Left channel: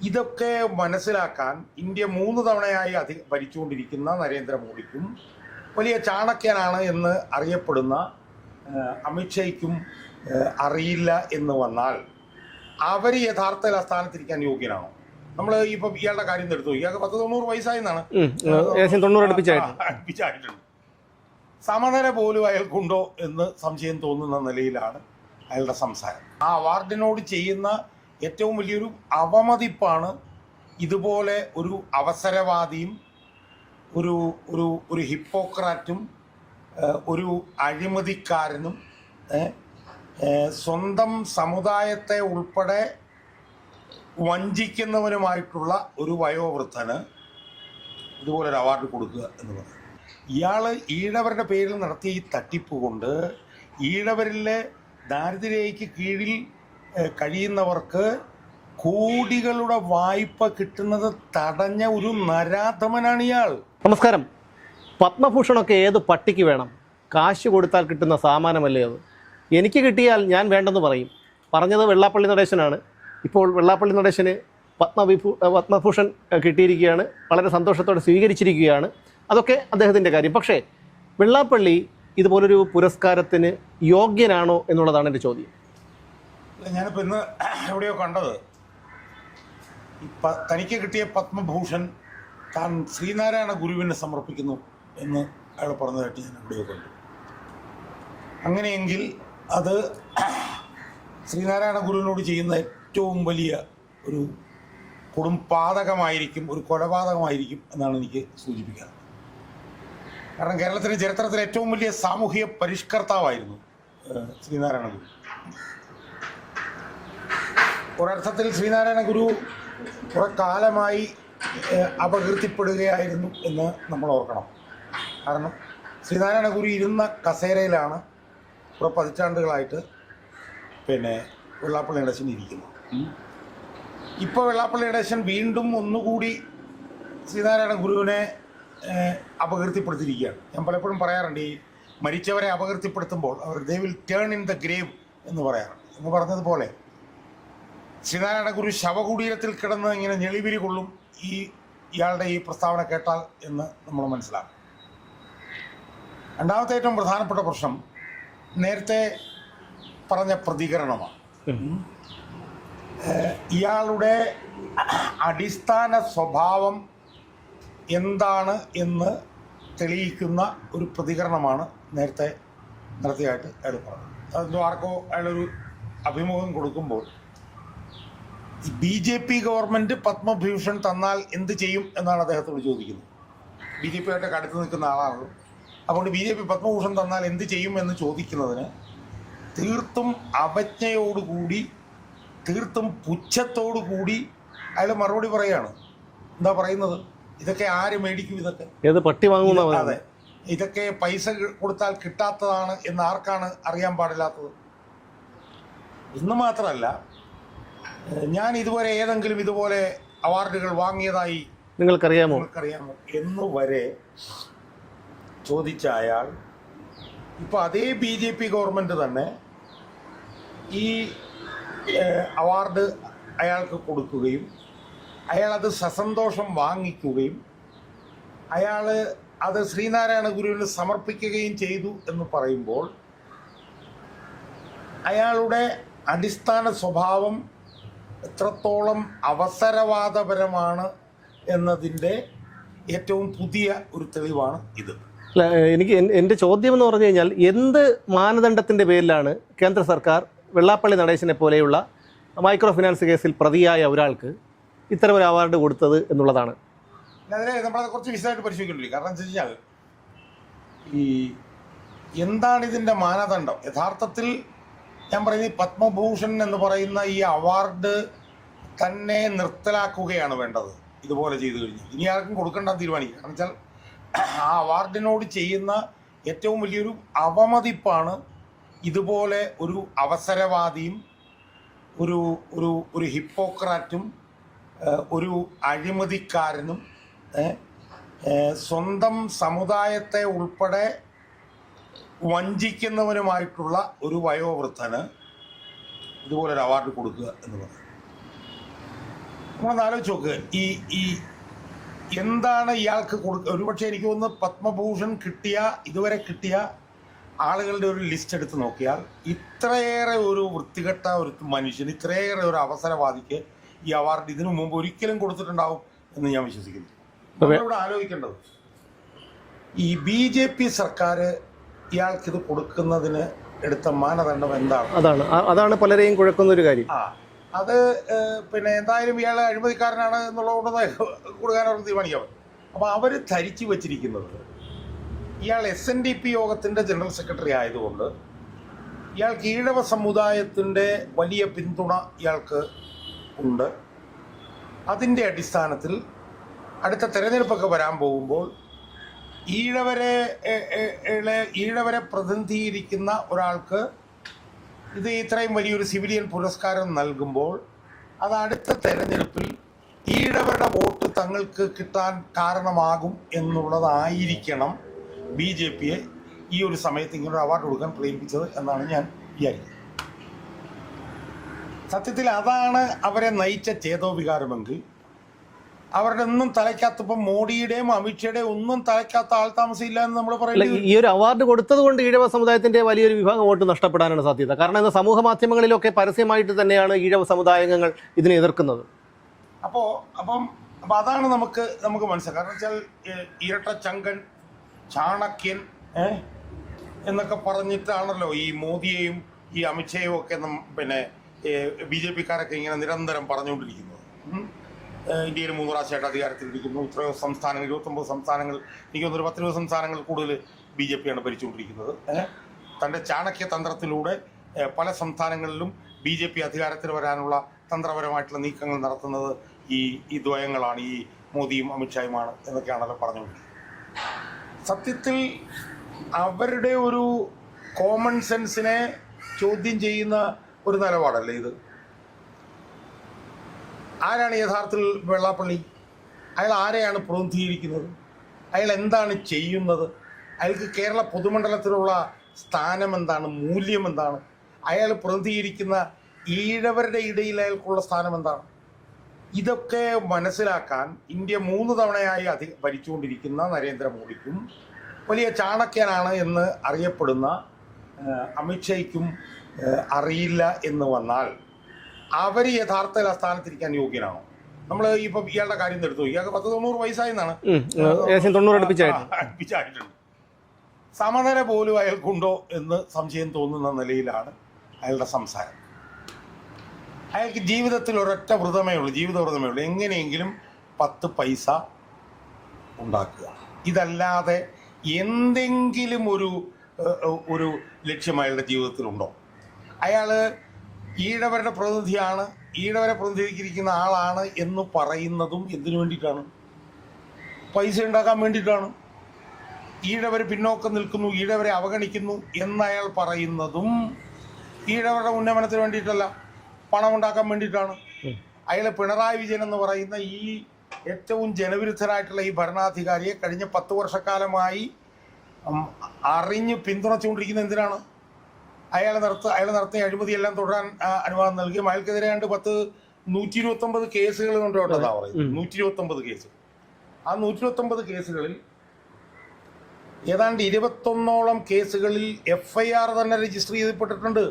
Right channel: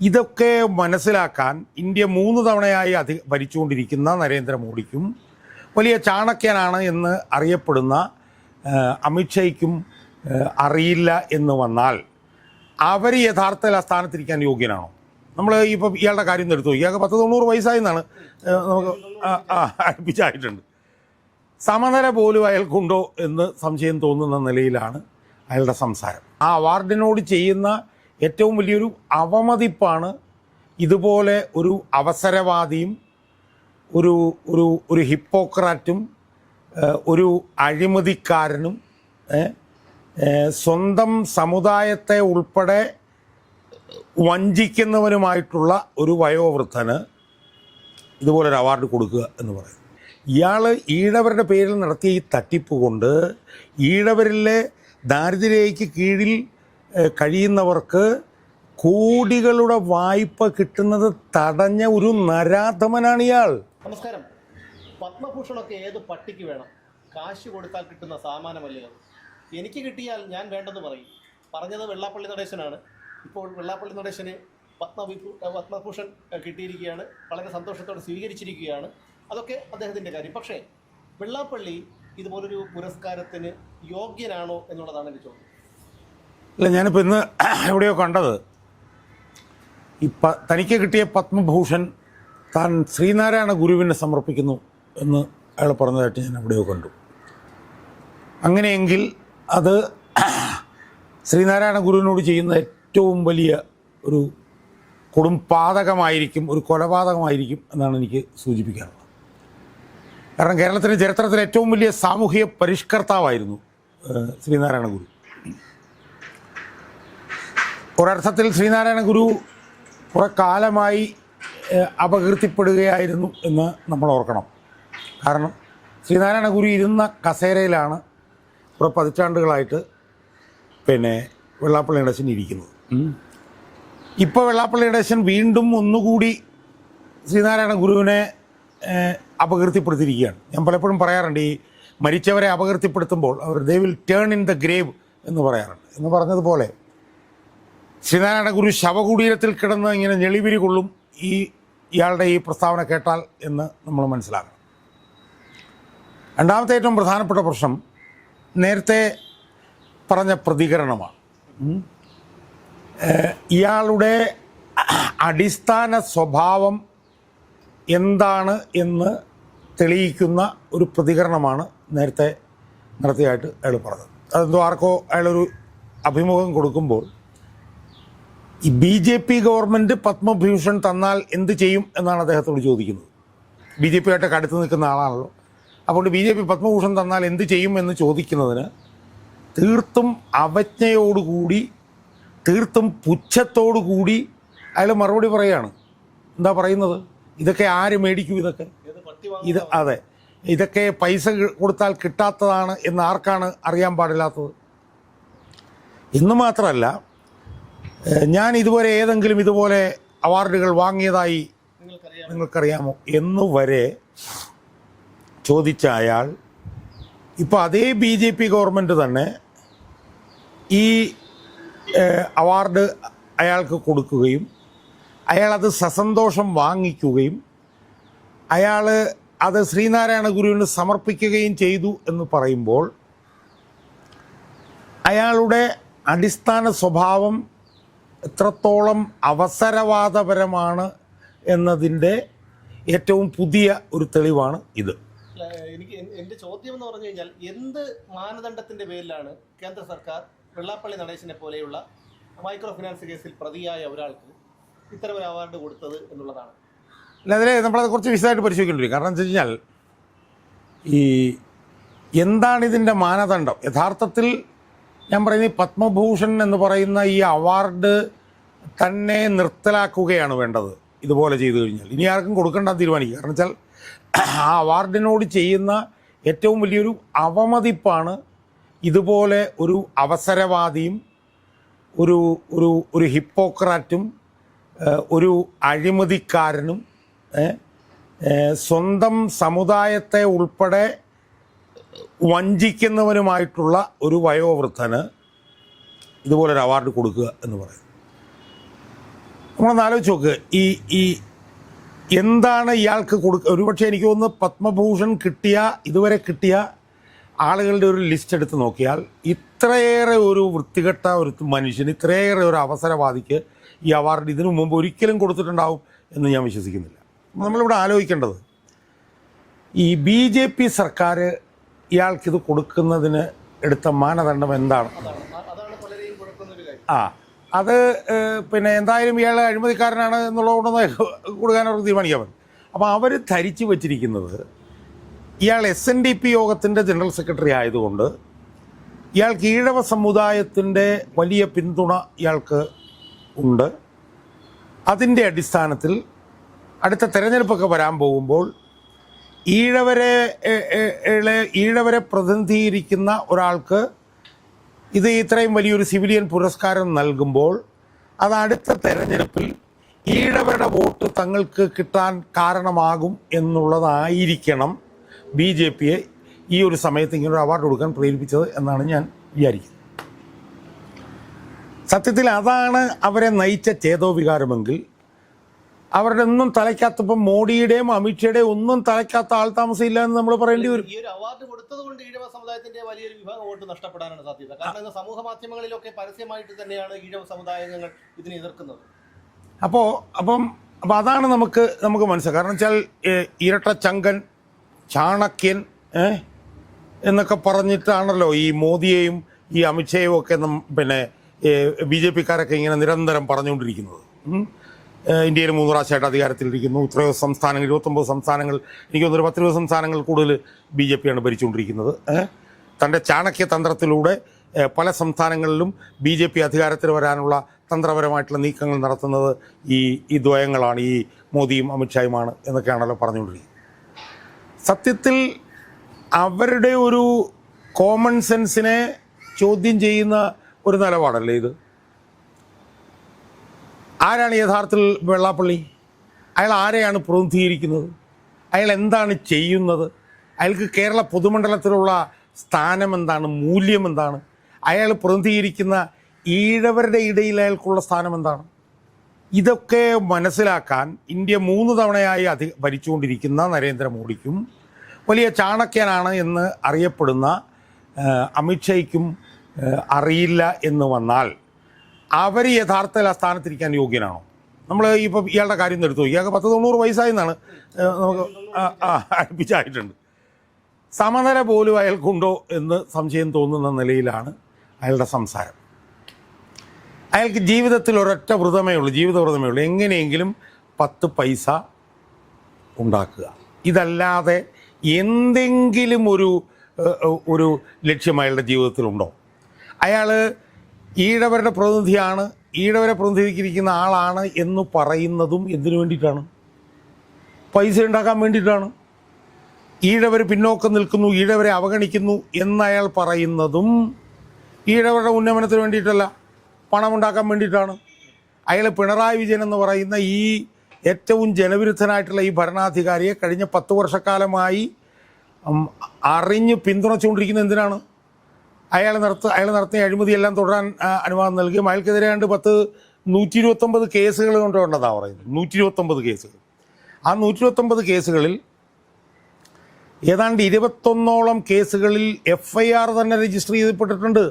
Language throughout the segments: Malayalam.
ഇതൊക്കെ മനസ്സിലാക്കാൻ ഇന്ത്യ 3 തവണയായി ഭരിച്ചുകൊണ്ടിരിക്കുന്ന നരേന്ദ്രമോദിക്കും വലിയ ചാണക്യനാണ് എന്ന് അറിയപ്പെടുന്ന അമിത്ഷയ്ക്കും അറിയില്ല എന്ന് വന്നാൽ അവർ യഥാർത്ഥത്തിൽ ആ സ്ഥാനത്തിരിക്കാൻ യോഗ്യനാണോ? നമ്മൾ ഇപ്പം ഇയാളുടെ കാര്യം എടുത്തു, ഇയാൾക്ക് 90 വയസ്സായെന്നാണ് അടുപ്പിച്ചായിട്ടുണ്ട്. സമനില പോലും അയാൾക്കുണ്ടോ എന്ന് സംശയം തോന്നുന്ന നിലയിലാണ് അയാളുടെ സംസാരം. ആ അവാർഡിനോട് ചെയ്യുന്ന ഏറ്റവും വലിയൊരു അവമതിപ്പാണ് ഇതുപോലെ ഒരു അവസരവാദിയും ഒരു ഒരു ഒരു ഹിപ്പോക്രാറ്റും ഒരു അഴിമതിക്കാരനും സ്വന്തം സമുദായത്തെ ഉൾപ്പെടെ വഞ്ചിക്കുന്നവനുമായിട്ടുള്ള ഒരു വയോവൃദ്ധന് ഇതുപോലൊരു അവാർഡ് കൊടുക്കുക എന്ന് പറയും. ഇയാൾ ഈഴവരുടെ പേരിൽ നടത്തിയ ഈ തട്ടിപ്പ് കൊണ്ട് ഈഴവരിലെ ദാരിദ്ര്യരേഖയ്ക്ക് കീഴിൽ കഴിയുന്നവർക്ക് കോടികളുടെ വായ്പ കിട്ടുന്നത് തടഞ്ഞ ഒരു നരാധമനാണ് ഇയാൾ. നമസ്കാരം. പത്മഭൂഷണൊക്കെ ഏത് പട്ടിക്ക് വേണം? കാശ് കൊടുത്താൽ കിട്ടുന്ന സാമാനമല്ലേ അത്? എനിക്ക് കിട്ടിയാൽ ഞാൻ വേണ്ടെന്ന് പറയും. പറഞ്ഞത് വെള്ളാപ്പള്ളി നടേശനാണ്. ഇപ്പോൾ വെള്ളാപ്പള്ളി നടേശന് പത്മഭൂഷൺ കിട്ടിയിരിക്കുകയാണ്. വളരെ സന്തോഷത്തോടെ സ്വീകരിച്ചിരിക്കുകയാണ്. അതൊക്കെ അദ്ദേഹത്തിൻ്റെ കാര്യം. പക്ഷേ വെള്ളാപ്പള്ളി ഇതുപോലൊരു പുരസ്കാരത്തിന് യോഗ്യനാണോ എന്നുള്ളതാണ് എൻ്റെ ചോദ്യം. അല്ല, ഞാനിപ്പോൾ ഇന്ന് എവിടെയോ കണ്ടത്, തനിക്ക് കിട്ടിയ പത്മഭൂഷൺ താൻ ശ്രീനാരായണ ഗുരുവിനെ സമർപ്പിക്കുന്നു എന്ന് അയാൾ പറഞ്ഞതായിട്ട് ഞാൻ എവിടെയോ കണ്ടു. അങ്ങനെയെങ്കിൽ അത് ശ്രീനാരായണ ഗുരുവിനോട് ചെയ്യുന്ന ഏറ്റവും വലിയ ഒരു കൊടുംപാതകമായിരിക്കും, ഒരു കൊലപാതകമായിരിക്കും എന്നാണ് എനിക്ക് സൂചിപ്പിക്കാറുള്ളത്. കാരണം കേരളത്തിൻ്റെ ചരിത്രത്തിലെ ഏറ്റവും വലിയ സാമൂഹിക പരിഷ്കർത്താവായിരുന്നു ശ്രീനാരായണ ഗുരു. ഒരർത്ഥത്തിൽ ശ്രീനാരായണ ഗുരു കുറേ കാലമായി അപകീർത്തിപ്പെടുകയായിരുന്നു എന്ന് നമ്മൾ ഓർക്കണം. കാരണം ശ്രീനാരായണ ഗുരു ഇരുന്ന കസേരയിലാണ് കുറേ പതിറ്റാണ്ടുകളായിട്ട് വെള്ളാപ്പള്ളി നടേശൻ ഇരിക്കുന്നത്. ഇപ്പോൾ വെള്ളാപ്പള്ളി നടേശൻ വീണ്ടും ഒന്നുകൂടി ശ്രീനാരായണ ഗുരുവിനെ അപകീർത്തിപ്പെടുത്തിയിരിക്കുകയാണ്. ഞാൻ പലപ്പോഴും പറയാറുണ്ട്, ഈ മരിച്ചവരെ അപകീർത്തിപ്പെടുത്തുമ്പോൾ അവർ they will turn in the grave എന്ന് പറയാറുണ്ട്. എന്ന് പറഞ്ഞതുപോലെ ശ്രീനാരായണ ഗുരു ശവകുടീരത്തിൽ കിടന്ന് ഇങ്ങനെ ഞെളിവിരി കൊള്ളും ഇയാളുടെ ഈ പ്രസ്താവന കേട്ടാൽ എന്ന് നമ്മൾ മനസ്സിലാക്കും. രണ്ടാമത്തെ ഏറ്റവും പ്രധാനപ്പെട്ട പ്രശ്നം നേരത്തെ പറഞ്ഞ പ്രതികരണമാണ്. ഇയാളുടെ അടിസ്ഥാന സ്വഭാവം എന്താണ് എന്ന് തെളിയിക്കുന്ന ഒരു പ്രതികരണമാണ് നേരത്തെ നടത്തിയായിട്ട് അയാൾ പറഞ്ഞത്. അതെന്തോ ആർക്കോ അയാളൊരു അഭിമുഖം കൊടുക്കുമ്പോൾ ഈ BJP ഗവൺമെൻറ് പത്മഭൂഷൺ തന്നാൽ എന്ത് ചെയ്യും എന്നാണ് അദ്ദേഹത്തോട് ചോദിക്കുന്നത്. BJP ആയിട്ടൊക്കെ അടുത്ത് നിൽക്കുന്ന ആളാണല്ലോ. അപ്പോൾ BJP പത്മഭൂഷൺ തന്നാൽ എന്ത് ചെയ്യും എന്ന് ചോദിക്കുന്നതിന് തീർത്തും അവജ്ഞയോടുകൂടി, തീർത്തും പുച്ഛത്തോടുകൂടി അയാൾ മറുപടി പറയുകയാണ്. എന്താ പറയുന്നത്? ഇതൊക്കെ ആര് മേടിക്കും? ഇതൊക്കെ ഏത് പട്ടി വാങ്ങുന്ന? അതെ, ഇതൊക്കെ പൈസ കൊടുത്താൽ കിട്ടാത്തതാണ് എന്ന് ആർക്കാണ് അറിയാൻ പാടില്ലാത്തത്? എന്ന് മാത്രമല്ല, ഞാൻ ഇതുവരെ ഏതെങ്കിലും ഇതുപോലെ അവാർഡുകൾ വാങ്ങിയതായി നിങ്ങൾക്കറിയാമോ എന്ന് വരെ ചോദിച്ച അയാൾ ഇപ്പോൾ അതേ BJP ഗവൺമെൻറ് തന്നെ ഈ അവാർഡ് അയാൾക്ക് കൊടുക്കുകയും അയാളത് സസന്തോഷം വാങ്ങിക്കുകയും അയാൾ അത് ശ്രീനാരായണ ഗുരുവിന് സമർപ്പിക്കുകയും ചെയ്തു എന്ന് പറയുമ്പോൾ അയാളുടെ അടിസ്ഥാന സ്വഭാവം എത്രത്തോളം അവസരവാദപരമാണ് എന്നതിൻ്റെ ഏറ്റവും പുതിയ ഒരു തെളിവാണ് ഇത്. എനിക്ക് എൻ്റെ ചോദ്യം എന്ന് പറഞ്ഞു കഴിഞ്ഞാൽ, എന്ത് മാനദണ്ഡത്തിൻ്റെ പേരിലാണ് കേന്ദ്ര സർക്കാർ വെള്ളാപ്പള്ളി നടേശനെ പോലെയുള്ള മൈക്രോ ഫിനാൻസ് കേസിൽ പ്രതിയായ ഒരാൾക്ക് ഇത്തരമൊരു അവാർഡ് കൊടുത്തത് എന്നുള്ളതാണ്. അതിൽ നമ്മളത് കുറച്ച് വിശദമായിട്ട് പരിശോധിക്കേണ്ടി. കാരണം എന്താ വെച്ച് കഴിഞ്ഞാൽ, ഈ എന്താണിതിൻ്റെ മാനദണ്ഡം? യഥാർത്ഥത്തിൽ ഞാൻ പറയുന്നത് പത്മഭൂഷൺ എന്ന് പറയുന്ന ഈ അവാർഡ് തന്നെ നിർത്തലാക്കുകയാണ് വേണ്ടത്. ഇതുപോലെ ചെയ്തു കഴിഞ്ഞാൽ ഇനി ആർക്കും കൊടുക്കേണ്ട തീരുമാനിക്കുക. കാരണം വെച്ചാൽ ആ അവാർഡിനോട് ചെയ്യുന്ന ഏറ്റവും വലിയൊരു അവമതിപ്പാണ് ഇതുപോലെ ഒരു അവസരവാദിയും ഒരു ഒരു ഒരു ഹിപ്പോക്രാറ്റും ഒരു അഴിമതിക്കാരനും സ്വന്തം സമുദായത്തെ ഉൾപ്പെടെ വഞ്ചിക്കുന്നവനുമായിട്ടുള്ള ഒരു വയോവൃദ്ധന് ഇതുപോലൊരു അവാർഡ് കൊടുക്കുക എന്ന് പറയും. നമ്മളൊന്ന് ആലോചിച്ച് നോക്ക്. ഈ എന്താണ് ഇയാൾക്ക് ഒരുപക്ഷെ എനിക്ക് തോന്നുന്നു പത്മഭൂഷൺ ഇതുവരെ കിട്ടിയ ആളുകളുടെ ഒരു ലിസ്റ്റ് എടുത്ത് നോക്കിയാൽ ഇത്രയേറെ ഒരു വൃത്തികെട്ട ഒരു മനുഷ്യന്, ഇത്രയേറെ ഒരു അവസരവാദിക്ക് ഈ അവാർഡ് ഇതിനു മുമ്പ് ഒരിക്കലും കൊടുത്തിട്ടുണ്ടാവും എന്ന് ഞാൻ വിശ്വസിക്കുന്നില്ല. നമ്മളിവിടെ ആലോചിക്കേണ്ടത് ഈ BJP സർക്കാർ ഇയാൾക്കിത് കൊടുക്കുന്നതിന് എടുത്ത മാനദണ്ഡം എന്താണ്? അതാണ് പലരെയും കുഴക്കുന്ന ഒരു കാര്യം. അത് പിന്നെ എന്തായാലും ഇയാൾ അഴിമതിക്കാരനാണ് എന്നുള്ളതുകൊണ്ടൊന്നും കൊടുക്കാൻ അവർക്ക് തീരുമാനിക്കാൻ പറ്റും. അപ്പോൾ അവർ ധരിച്ചു വച്ചിരിക്കുന്നത് ഇയാൾ SNDP യോഗത്തിൻ്റെ ജനറൽ സെക്രട്ടറി ആയതുകൊണ്ട് ഇയാൾക്ക് ഈഴവ സമുദായത്തിൻ്റെ വലിയ പിന്തുണ ഇയാൾക്ക് ഉണ്ട്. അതിൻ്റെ അടിസ്ഥാനത്തിൽ അടുത്ത തെരഞ്ഞെടുപ്പൊക്കെ വരാൻ പോകുമ്പോൾ ഈഴവരെ പ്രതിനിധീകരിക്കുന്ന ഒരാൾക്ക് ഇത് ഇത്രയും വലിയൊരു സിവിലിയൻ പുരസ്കാരം നൽകുമ്പോൾ അത് അടുത്ത തെരഞ്ഞെടുപ്പിൽ ഈഴവരുടെ വോട്ട് തങ്ങൾക്ക് കിട്ടാൻ കാരണമാകും എന്നുള്ളതായിരിക്കണം BJPയെ ഈ ഒരു സമയത്ത് ഇങ്ങനൊരു അവാർഡ് കൊടുക്കാൻ പ്രേരിപ്പിച്ചത് എന്നാണ് ഞാൻ വിചാരിക്കുന്നത്. സത്യത്തിൽ അതാണ് അവരെ നയിച്ച ചേതോവികാരമെങ്കിൽ അവരുടെ ഒന്നും തലയ്ക്കകത്തിപ്പം മോഡിയുടെയും അമിത്ഷയുടെയും ഒന്നും തലയ്ക്കകത്ത ആൾ താമസമില്ല എന്ന് നമ്മൾ പറയുന്നത്. ഈ ഒരു അവാർഡ് കൊടുത്തത് കൊണ്ട് ഈഴവ സമുദായത്തിന്റെ വലിയൊരു വിഭാഗം വോട്ട് നഷ്ടപ്പെടാനാണ് സാധ്യത. കാരണം ഇന്ന് സമൂഹ മാധ്യമങ്ങളിലൊക്കെ പരസ്യമായിട്ട് തന്നെയാണ് ഈഴവ സമുദായാംഗങ്ങൾ ഇതിനെ എതിർക്കുന്നത്. അപ്പം അതാണ് നമുക്ക് മനസ്സിലാക്കാം. കാരണം വെച്ചാൽ ഇരട്ട ചങ്കൻ, ചാണക്യൻ എന്നൊക്കെ പറഞ്ഞിട്ടാണല്ലോ ഈ മോദിയെയും ഈ അമിത്ഷയും ഒക്കെ പിന്നെ BJPക്കാരൊക്കെ ഇങ്ങനെ നിരന്തരം പറഞ്ഞുകൊണ്ടിരിക്കുന്നത്. ഇന്ത്യയിൽ 3 പ്രാവശ്യമായിട്ട് അധികാരത്തിലിരിക്കുന്നു. ഇത്രയോ സംസ്ഥാനങ്ങൾ, 29 സംസ്ഥാനങ്ങൾ, എനിക്ക് തോന്നുന്നു 10-20 സംസ്ഥാനങ്ങൾ കൂടുതൽ BJPയാണ് ഭരിച്ചുകൊണ്ടിരിക്കുന്നത്. തൻ്റെ ചാണക്യ തന്ത്രത്തിലൂടെ പല സംസ്ഥാനങ്ങളിലും BJP അധികാരത്തിൽ വരാനുള്ള തന്ത്രപരമായിട്ടുള്ള നീക്കങ്ങൾ നടത്തുന്നത് ഈ ദ്വയങ്ങളാണ്, ഈ മോദിയും അമിത്ഷായുമാണ് എന്നൊക്കെയാണല്ലോ പറഞ്ഞുകൊണ്ടിരിക്കുന്നത്. സത്യത്തിൽ അവരുടെ ഒരു കോമൺ സെൻസിനെ ചോദ്യം ചെയ്യുന്ന ഒരു നിലപാടല്ലേ ഇത്? ആരാണ് യഥാർത്ഥത്തിൽ വെള്ളാപ്പള്ളി? അയാൾ ആരെയാണ് പ്രതിനിധീകരിക്കുന്നത്? അയാൾ എന്താണ് ചെയ്യുന്നത്? അയാൾക്ക് കേരള പൊതുമണ്ഡലത്തിലുള്ള സ്ഥാനം എന്താണ്? മൂല്യം എന്താണ്? അയാൾ പ്രതിനിധീകരിക്കുന്ന ഈഴവരുടെ ഇടയിൽ അയാൾക്കുള്ള സ്ഥാനം എന്താണ്? ഇതൊക്കെ മനസ്സിലാക്കാൻ ഇന്ത്യ 3 തവണയായി ഭരിച്ചുകൊണ്ടിരിക്കുന്ന നരേന്ദ്രമോദിക്കും വലിയ ചാണക്യനാണ് എന്ന് അറിയപ്പെടുന്ന അമിത്ഷയ്ക്കും അറിയില്ല എന്ന് വന്നാൽ അവർ യഥാർത്ഥത്തിൽ ആ സ്ഥാനത്തിരിക്കാൻ യോഗ്യനാണോ? നമ്മൾ ഇപ്പം ഇയാളുടെ കാര്യം എടുത്തു. ഇയാൾക്ക് 90 വയസ്സായെന്നാണ് അടുപ്പിച്ചായിട്ടുണ്ട്. സമനില പോലും അയാൾക്കുണ്ടോ എന്ന് സംശയം തോന്നുന്ന നിലയിലാണ് അയാളുടെ സംസാരം. അയാൾക്ക് ജീവിതത്തിൽ ഒരൊറ്റ വ്രതമേ ഉള്ളൂ, എങ്ങനെയെങ്കിലും 10 പൈസ ഉണ്ടാക്കുക. ഇതല്ലാതെ എന്തെങ്കിലും ഒരു ലക്ഷ്യം അയാളുടെ ജീവിതത്തിലുണ്ടോ? അയാൾ ഈഴവരുടെ പ്രതിനിധിയാണ്, ഈഴവരെ പ്രതിനിധീകരിക്കുന്ന ആളാണ് എന്ന് പറയുന്നതും എന്തിനു വേണ്ടിയിട്ടാണ്? പൈസ ഉണ്ടാക്കാൻ വേണ്ടിയിട്ടാണ്. ഈഴവർ പിന്നോക്കം നിൽക്കുന്നു, ഈഴവരെ അവഗണിക്കുന്നു എന്നയാൾ പറയുന്നതും ഈഴവരുടെ ഉന്നമനത്തിന് വേണ്ടിയിട്ടല്ല, പണമുണ്ടാക്കാൻ വേണ്ടിയിട്ടാണ്. അയാൾ പിണറായി വിജയൻ എന്ന് പറയുന്ന ഈ ഏറ്റവും ജനവിരുദ്ധനായിട്ടുള്ള ഈ ഭരണാധികാരിയെ കഴിഞ്ഞ 10 വർഷക്കാലമായി അറിഞ്ഞ് പിന്തുണച്ചുകൊണ്ടിരിക്കുന്നത് എന്തിനാണ്? അയാൾ നടത്തിയ അഴിമതിയെല്ലാം തുടരാൻ അനുവാദം നൽകുകയും അയാൾക്കെതിരെ 129 കേസുകൾ കൊണ്ടുണ്ടെന്നാണ് പറയുന്നത്. 129 കേസുകൾ. ആ 129 കേസുകളിൽ ഏതാണ്ട് 21ഓളം കേസുകളിൽ FIR തന്നെ രജിസ്റ്റർ ചെയ്യപ്പെട്ടിട്ടുണ്ട്.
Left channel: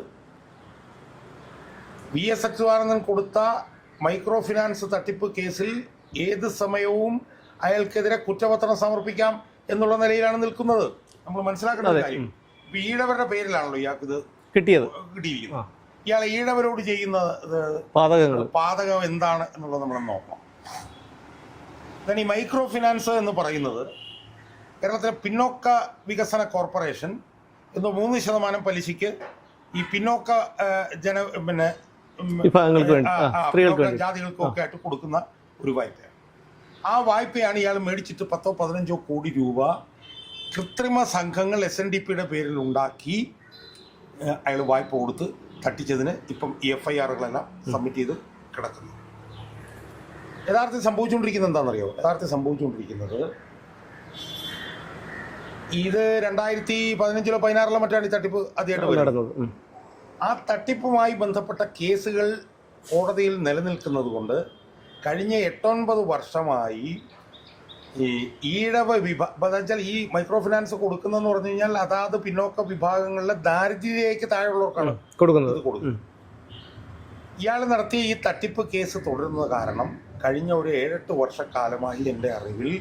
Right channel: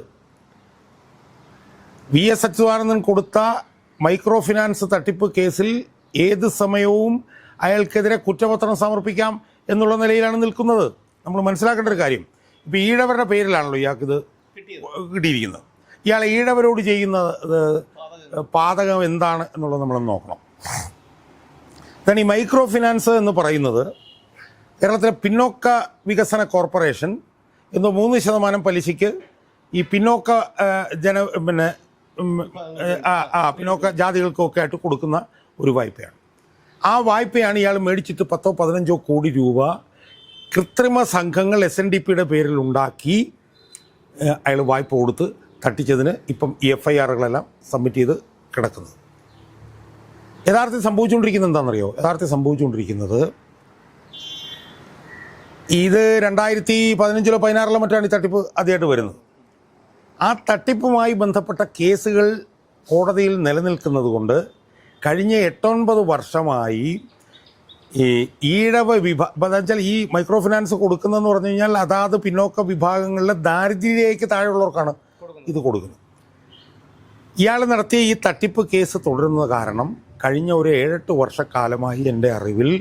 VS അച്യുതാനന്ദൻ കൊടുത്ത മൈക്രോ ഫിനാൻസ് തട്ടിപ്പ് കേസിൽ ഏത് സമയവും അയാൾക്കെതിരെ കുറ്റപത്രം സമർപ്പിക്കാം എന്നുള്ള നിലയിലാണ് നിൽക്കുന്നത്. നമ്മൾ മനസ്സിലാക്കേണ്ട ഒരു കാര്യം, ഇപ്പം ഈഴവരുടെ പേരിലാണല്ലോ ഇയാൾക്കിത് കിട്ടിയിരിക്കുന്നത്. ഇയാൾ ഈഴവരോട് ചെയ്യുന്ന പാതകം എന്താണ് എന്നുള്ളത് നമ്മൾ നോക്കണം. then ഈ മൈക്രോ ഫിനാൻസ് എന്ന് പറയുന്നത് കേരളത്തിലെ പിന്നോക്ക വികസന കോർപ്പറേഷൻ എന്തോ 3% പലിശയ്ക്ക് ഈ പിന്നോക്ക പിന്നോക്ക ജാതികൾക്കൊക്കെ ആയിട്ട് കൊടുക്കുന്ന ഒരു വായ്പയാണ്. ആ വായ്പയാണ് ഇയാൾ മേടിച്ചിട്ട് 10-15 കോടി രൂപ കൃത്രിമ സംഘങ്ങൾ SNDPയുടെ പേരിൽ ഉണ്ടാക്കി അയാൾ വായ്പ കൊടുത്ത് തട്ടിച്ചതിന് ഇപ്പം ഈ FIRകളെല്ലാം സബ്മിറ്റ് ചെയ്ത് കിടക്കുന്നു. യഥാർത്ഥത്തിൽ സംഭവിച്ചുകൊണ്ടിരിക്കുന്നത് എന്താണെന്നറിയോ? യഥാർത്ഥത്തിൽ സംഭവിച്ചുകൊണ്ടിരിക്കുന്നത് ഇത് 2015-ലോ 2016-ലോ മറ്റാണ് ഈ തട്ടിപ്പ് ആദ്യമായിട്ട് വരുന്നത്. ആ തട്ടിപ്പുമായി ബന്ധപ്പെട്ട കേസുകൾ കോടതിയിൽ നിലനിൽക്കുന്നത് കൊണ്ട് കഴിഞ്ഞ 8-9 വർഷമായി ഈ ഈഴവ വെച്ചാൽ ഈ മൈക്രോ ഫിനാൻസ് കൊടുക്കുന്നതെന്ന് പറഞ്ഞു കഴിഞ്ഞാൽ അതാത് പിന്നോക്ക വിഭാഗങ്ങളിലെ ദാരിദ്ര്യരേഖയ്ക്ക് താഴെയുള്ളവർക്കാണ് ഇത് കൊടുക്കുന്നത്. ഇയാൾ നടത്തിയ ഈ തട്ടിപ്പ് കേസ് തുടരുന്നത് കാരണം കഴിഞ്ഞ ഒരു 7-8 വർഷക്കാലമായി എൻ്റെ അറിവിൽ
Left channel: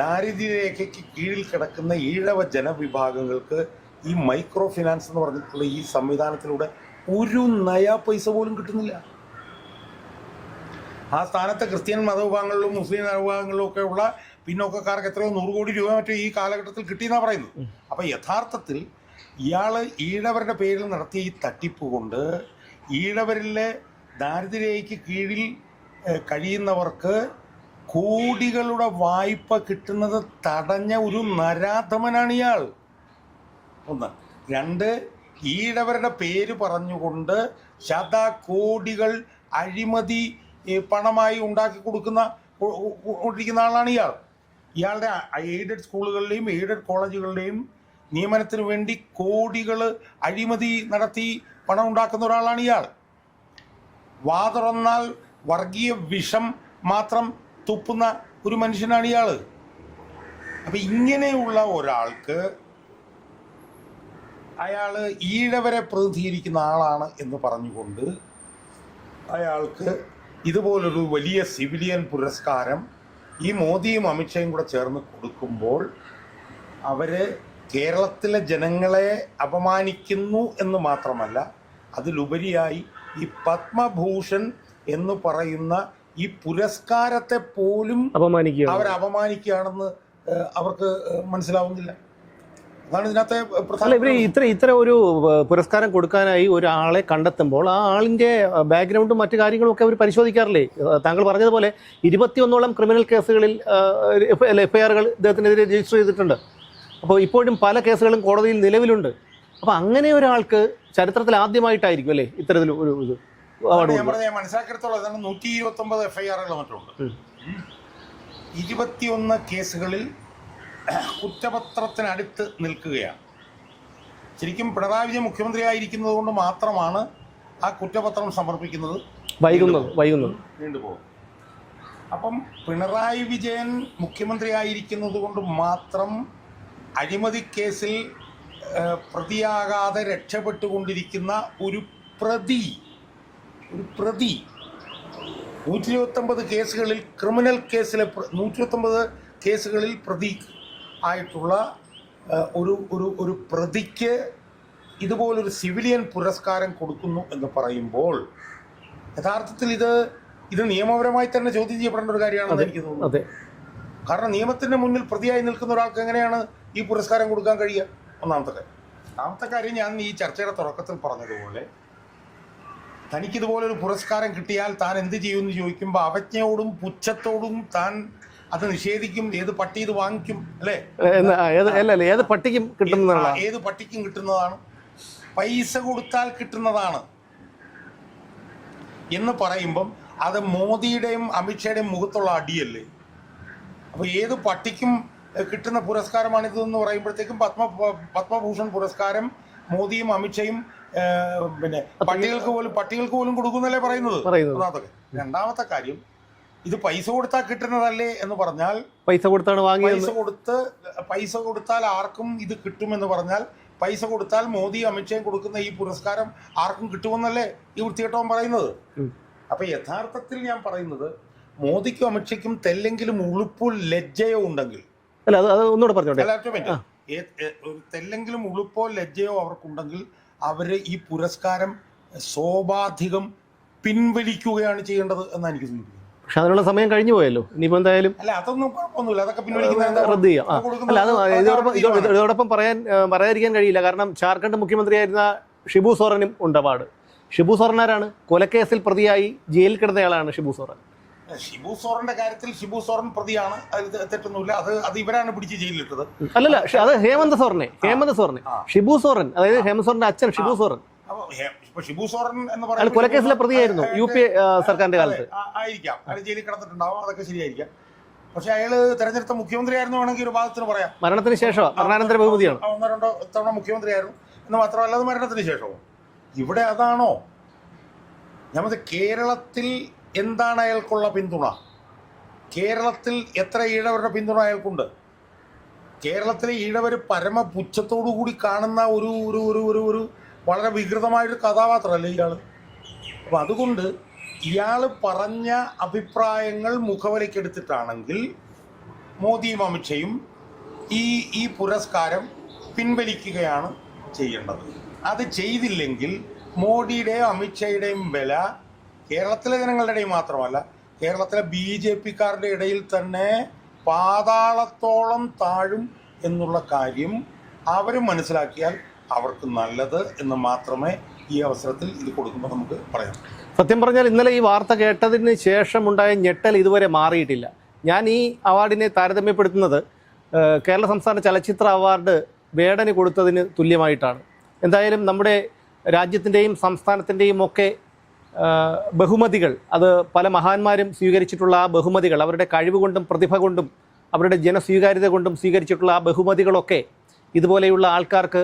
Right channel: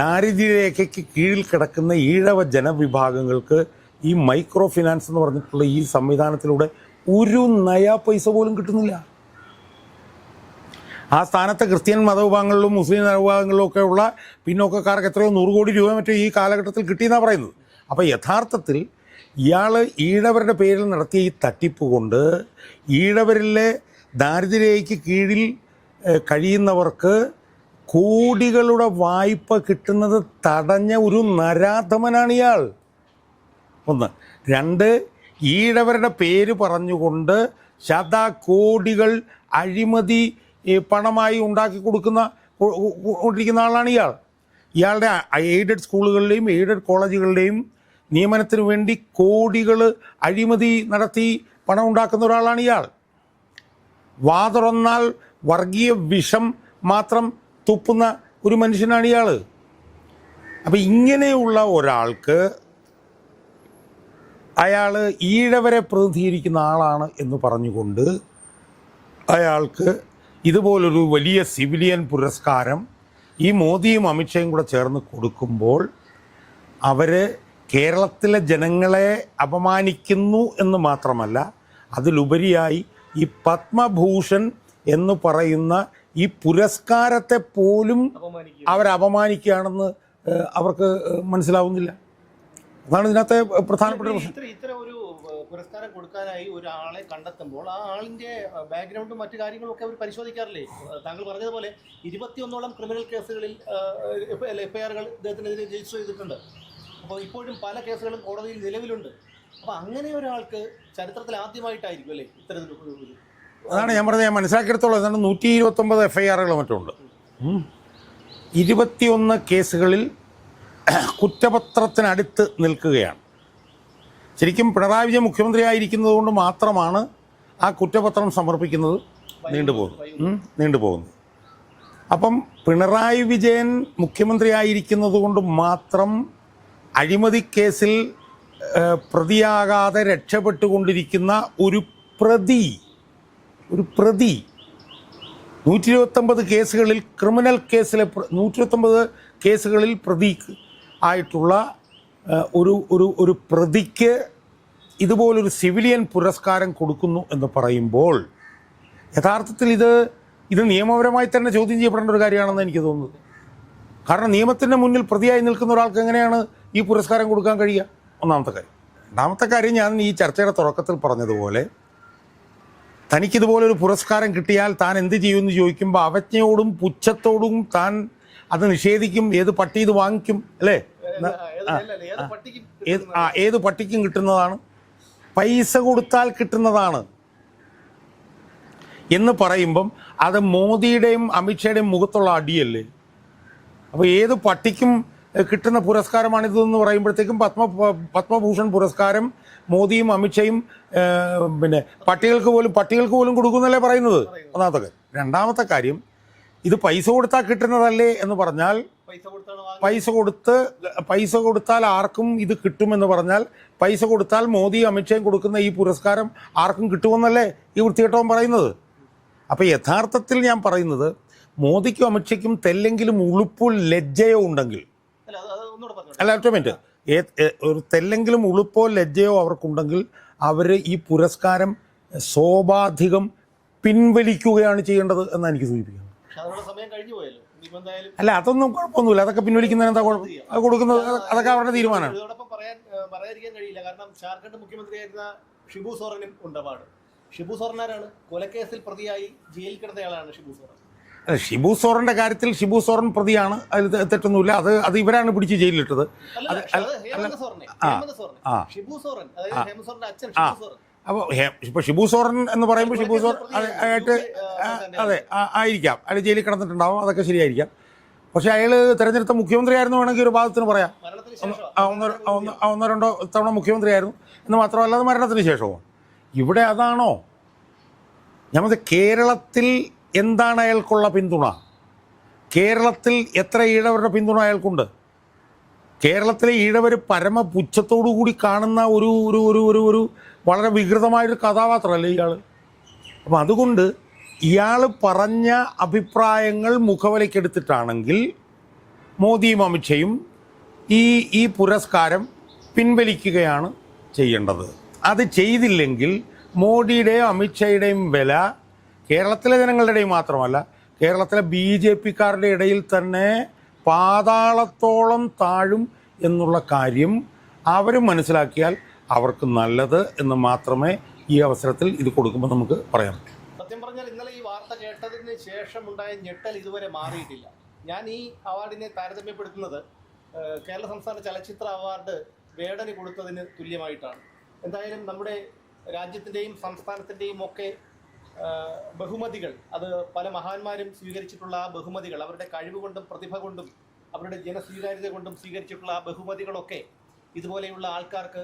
ദാരിദ്ര്യരേഖയ്ക്ക് കീഴിൽ കിടക്കുന്ന ഈഴവ ജനവിഭാഗങ്ങൾക്ക് ഈ മൈക്രോ ഫിനാൻസ് എന്ന് പറഞ്ഞിട്ടുള്ള ഈ സംവിധാനത്തിലൂടെ ഒരു നയാ പൈസ പോലും കിട്ടുന്നില്ല. ആ സ്ഥാനത്ത് ക്രിസ്ത്യൻ മതവിഭാഗങ്ങളിലും മുസ്ലിം മതവിഭാഗങ്ങളിലും ഒക്കെ ഉള്ള പിന്നോക്കക്കാർക്ക് എത്രയോ 100 കോടി രൂപ മറ്റേ ഈ കാലഘട്ടത്തിൽ കിട്ടിയെന്നാണ് പറയുന്നത്. അപ്പോൾ യഥാർത്ഥത്തിൽ ഇയാൾ ഈഴവരുടെ പേരിൽ നടത്തിയ ഈ തട്ടിപ്പ് കൊണ്ട് ഈഴവരിലെ ദാരിദ്ര്യരേഖയ്ക്ക് കീഴിൽ കഴിയുന്നവർക്ക് കോടികളുടെ വായ്പ കിട്ടുന്നത് തടഞ്ഞ ഒരു നരാധമനാണ് ഇയാൾ. 1. 2, ഈഴവരുടെ പേര് പറഞ്ഞുകൊണ്ട് ശതകോടികൾ അഴിമതി പണമായി ഉണ്ടാക്കി കൊണ്ടിരിക്കുന്ന ആളാണ് ഇയാൾ. ഇയാളുടെ എയ്ഡഡ് സ്കൂളുകളിലെയും എയ്ഡഡ് കോളേജുകളുടെയും നിയമനത്തിന് വേണ്ടി കോടികൾ അഴിമതി നടത്തി പണം ഉണ്ടാക്കുന്ന ഒരാളാണ് ഇയാൾ. വാതുറന്നാൽ വർഗീയ വിഷം മാത്രം തുപ്പുന്ന ഒരു മനുഷ്യനാണ് ഇയാൾ. അപ്പം ഇങ്ങനെയുള്ള ഒരാൾക്ക് അയാൾ ഈഴവരെ പ്രതിനിധീകരിക്കുന്ന ആളാണ് എന്ന് പറഞ്ഞുകൊണ്ട് അയാൾക്ക് ഇതുപോലൊരു വലിയ സിവിലിയൻ പുരസ്കാരം ഈ മോദിയും അമിത്ഷയും കൂടെ ചേർന്ന് കൊടുക്കുമ്പോൾ അവർ കേരളത്തിലെ ജനങ്ങളെ അപമാനിക്കുന്നു എന്ന് മാത്രമല്ല, അതിലുപരിയായി ഈ പത്മഭൂഷൺ എന്ന് പറയുന്ന ഈ പുരസ്കാരത്തെ പോലും അവർ അപമാനിക്കുകയാണെന്ന് അവർക്ക് മനസ്സിലാവുന്നില്ല. അതാണ് ഇതിനകത്തെ പ്രധാന. ഇത്ര ഒരു പുരസ്കാരം കൊടുക്കാനായി ഒരാളെ കണ്ടെത്തുമ്പോൾ ആ ആളിന്റെ ബാക്ക്ഗ്രൗണ്ടും മറ്റു കാര്യങ്ങളും ഒക്കെ അവർ പരിശോധിക്കാറില്ലേ? താങ്കൾ പറഞ്ഞതുപോലെ 21ഓളം ക്രിമിനൽ കേസുകളിൽ FIRകൾ ഇദ്ദേഹത്തിനെതിരെ രജിസ്റ്റർ ചെയ്തിട്ടുണ്ട്. അപ്പോൾ ഇപ്പോഴും പല കേസുകളും കോടതിയിൽ നിലവിലുണ്ട്. അപ്പോൾ അങ്ങനെ ഒരാൾക്ക് ചരിത്രത്തിൽ ആദ്യമായിട്ടായിരിക്കും അല്ലേ ഇത്തരത്തിൽ ഒരു ഇത്? അതാണ് ഞാൻ പറഞ്ഞത്. ഞാൻ മനസ്സിലാക്കിയെടുത്തോളം 129 FIRകൾ മറ്റുണ്ട്. 21 കേസുകളിൽ കുറ്റപത്രത്തിനടുത്ത് നിൽക്കുകയാണ്. ശരിക്കും പിണറായി വിജയൻ മുഖ്യമന്ത്രിയായിരിക്കുന്നത് കൊണ്ട് മാത്രമാണ് ആ കുറ്റപത്രം സമർപ്പിക്കുന്നത് നീണ്ടുപോകുന്നത്. അപ്പം പിണറായി വിജയൻ മുഖ്യമന്ത്രിയായിരിക്കുന്നത് കൊണ്ട് മാത്രം അഴിമതി കേസിൽ പ്രതിയാകാതെ രക്ഷപ്പെട്ടുകൊണ്ടിരിക്കുന്ന ഒരു പ്രതി 129 കേസുകളിൽ ക്രിമിനൽ കേസിലെ 129 കേസുകളിൽ പ്രതി ആയിട്ടുള്ള ഒരു പ്രതിക്ക് ഇതുപോലൊരു സിവിലിയൻ പുരസ്കാരം കൊടുക്കുന്നു എന്ന് പറയുമ്പോൾ യഥാർത്ഥത്തിൽ ഇത് നിയമപരമായി തന്നെ ചോദ്യം ചെയ്യപ്പെടേണ്ട ഒരു കാര്യമാണെന്ന് എനിക്ക് തോന്നുന്നത്. കാരണം നിയമത്തിൻ്റെ മുന്നിൽ പ്രതിയായി നിൽക്കുന്ന ഒരാൾക്ക് എങ്ങനെയാണ് ഈ പുരസ്കാരം കൊടുക്കാൻ കഴിയുക? ഒന്നാമത്തെ കാര്യം. രണ്ടാമത്തെ കാര്യം, ഞാൻ ഈ ചർച്ചയുടെ തുടക്കത്തിൽ പറഞ്ഞതുപോലെ തനിക്കിതുപോലൊരു പുരസ്കാരം കിട്ടിയാൽ താൻ എന്ത് ചെയ്യുമെന്ന് ചോദിക്കുമ്പോൾ അവജ്ഞയോടും പുച്ഛത്തോടും താൻ അത് നിഷേധിക്കും. ഏത് പട്ടി ഇത് വാങ്ങിക്കും അല്ലേ? ഏത് പട്ടിക്കും കിട്ടുന്നതാണ്, പൈസ കൊടുത്താൽ കിട്ടുന്നതാണ് എന്ന് പറയുമ്പം അത് മോദിയുടെയും അമിത്ഷയുടെയും മുഖത്തുള്ള അടിയല്ലേ? അപ്പോൾ ഏത് പട്ടിക്കും കിട്ടുന്ന പുരസ്കാരമാണിതെന്ന് പറയുമ്പോഴത്തേക്കും പത്മഭൂഷൺ പുരസ്കാരം മോദിയും അമിത്ഷയും പിന്നെ പട്ടികൾക്ക് പോലും കൊടുക്കുന്നല്ലേ പറയുന്നത്. ഒന്നാമത്തെ കാര്യം. രണ്ടാമത്തെ കാര്യം, ഇത് പൈസ കൊടുത്താൽ കിട്ടുന്നതല്ലേ എന്ന് പറഞ്ഞാൽ പൈസ കൊടുത്താൽ ആർക്കും ഇത് കിട്ടുമെന്ന് പറഞ്ഞാൽ പൈസ കൊടുത്താൽ മോദി അമിത്ഷയും കൊടുക്കുന്ന ഈ പുരസ്കാരം ആർക്കും കിട്ടുമെന്നല്ലേ ഈ വൃത്തികെട്ടവൻ പറയുന്നത്. അപ്പം യഥാർത്ഥത്തിൽ ഞാൻ പറയുന്നത്, മോദിക്കും അമിത്ഷയ്ക്കും തെല്ലെങ്കിലും ഉളുപ്പോ ലജ്ജയോ ഉണ്ടെങ്കിൽ, ഒരു തെല്ലെങ്കിലും ഉളുപ്പോ ലജ്ജയോ അവർക്കുണ്ടെങ്കിൽ അവർ ഈ പുരസ്കാരം സ്വാഭാവികം പിൻവലിക്കുകയാണ് ചെയ്യേണ്ടത് എന്നാണ് എനിക്ക് സൂചിപ്പിക്കുന്നത്. പക്ഷെ അതിനുള്ള സമയം കഴിഞ്ഞു പോയല്ലോ. ഇനിയിപ്പോൾ എന്തായാലും അല്ല, അതൊന്നും കുഴപ്പമൊന്നുമില്ല. അതൊക്കെ ഇതോടൊപ്പം പറയാതിരിക്കാൻ കഴിയില്ല. കാരണം ജാർഖണ്ഡ് മുഖ്യമന്ത്രിയായിരുന്ന ഷിബു സോറനും ഉണ്ട് അവാർഡ്. ഷിബു സോറൻ ആരാണ്? കൊലക്കേസിൽ പ്രതിയായി ജയിലിൽ കിടന്നയാളാണ് ഷിബു സോറൻ. ഷിബു സോറന്റെ കാര്യത്തിൽ ഷിബു സോറൻ പ്രതിയാണ്, അതിൽ തെറ്റൊന്നുമില്ല. അത് ഇവരാണ് പിടിച്ച് ജയിലിലിട്ടത്. അല്ലല്ല, അത് ഹേമന്ത് സോറനെ. ഷിബു സോറൻ, അതായത് ഹേമന്ത് സോറന്റെ അച്ഛൻ ഷിബു സോറൻ. ഇപ്പൊ ഷിബു സോറൻ എന്ന് പറയുന്നത് ആയിരിക്കാം, അയാൾ ജയിലിൽ കിടന്നിട്ടുണ്ടാവും, അതൊക്കെ ശരിയായിരിക്കാം. പക്ഷെ അയാൾ തെരഞ്ഞെടുത്ത മുഖ്യമന്ത്രി ആയിരുന്നു വേണമെങ്കിൽ ഒരു ഭാഗത്തിന് പറയാം. മരണത്തിന് ശേഷം 1-2 തവണ മുഖ്യമന്ത്രിയായിരുന്നു എന്ന് മാത്രമല്ല, അത് മരണത്തിന് ശേഷമോ? ഇവിടെ അതാണോ? ഞമ്മത് കേരളത്തിൽ എന്താണ് അയാൾക്കുള്ള പിന്തുണ? കേരളത്തിൽ എത്ര ഈഴവരുടെ പിന്തുണ അയാൾക്കുണ്ട്? കേരളത്തിലെ ഈഴവർ പരമപുച്ഛത്തോടു കൂടി കാണുന്ന ഒരു ഒരു ഒരു ഒരു ഒരു വളരെ വികൃതമായൊരു കഥാപാത്രമല്ലേ ഇയാൾ. അപ്പം അതുകൊണ്ട് ഇയാൾ പറഞ്ഞ അഭിപ്രായങ്ങൾ മുഖവിലക്കെടുത്തിട്ടാണെങ്കിൽ മോദിയും അമിത്ഷയും ഈ പുരസ്കാരം പിൻവലിക്കുകയാണ് ചെയ്യേണ്ടത്. അത് ചെയ്തില്ലെങ്കിൽ മോഡിയുടെയും അമിത്ഷയുടെയും വില കേരളത്തിലെ ജനങ്ങളുടെയും മാത്രമല്ല, കേരളത്തിലെ BJP-ക്കാരുടെ ഇടയിൽ തന്നെ പാതാളത്തോളം താഴും എന്നുള്ള കാര്യം അവർ മനസ്സിലാക്കിയാൽ അവർക്ക് നല്ലത് എന്ന് മാത്രമേ ഈ അവസരത്തിൽ ഇത് കൊടുക്കുമ്പോൾ നമുക്ക് പറയാം. സത്യം പറഞ്ഞാൽ ഇന്നലെ ഈ വാർത്ത കേട്ടതിന് ശേഷമുണ്ടായ ഞെട്ടൽ ഇതുവരെ മാറിയിട്ടില്ല. ഞാൻ ഈ അവാർഡിനെ താരതമ്യപ്പെടുത്തുന്നത് കേരള സംസ്ഥാന ചലച്ചിത്ര അവാർഡ് വേടന് കൊടുത്തതിന് തുല്യമായിട്ടാണ്. എന്തായാലും നമ്മുടെ രാജ്യത്തിൻ്റെയും സംസ്ഥാനത്തിൻ്റെയും ഒക്കെ ബഹുമതികൾ, അത് പല മഹാന്മാരും സ്വീകരിച്ചിട്ടുള്ള ആ ബഹുമതികൾ, അവരുടെ കഴിവ് കൊണ്ടും പ്രതിഭ കൊണ്ടും അവരുടെ ജനസ്വീകാര്യത കൊണ്ടും സ്വീകരിച്ചിട്ടുള്ള ആ ബഹുമതികളൊക്കെ ഇതുപോലെയുള്ള ആൾക്കാർക്ക്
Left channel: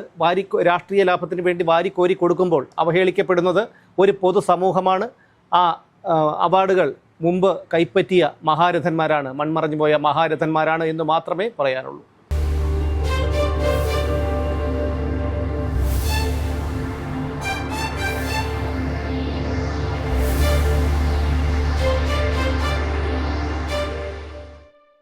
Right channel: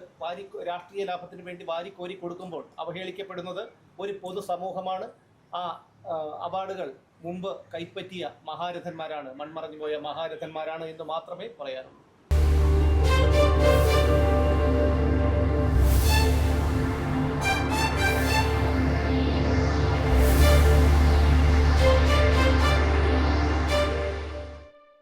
രാഷ്ട്രീയ ലാഭത്തിന് വേണ്ടി വാരിക്കോരി കൊടുക്കുമ്പോൾ അവഹേളിക്കപ്പെടുന്നത് ഒരു പൊതുസമൂഹമാണ്. ആ അവാർഡുകൾ മുമ്പ് കൈപ്പറ്റിയ മഹാരഥന്മാരാണ്, മൺമറഞ്ഞു പോയ മഹാരഥന്മാരാണ് എന്ന് മാത്രമേ പറയാനുള്ളൂ.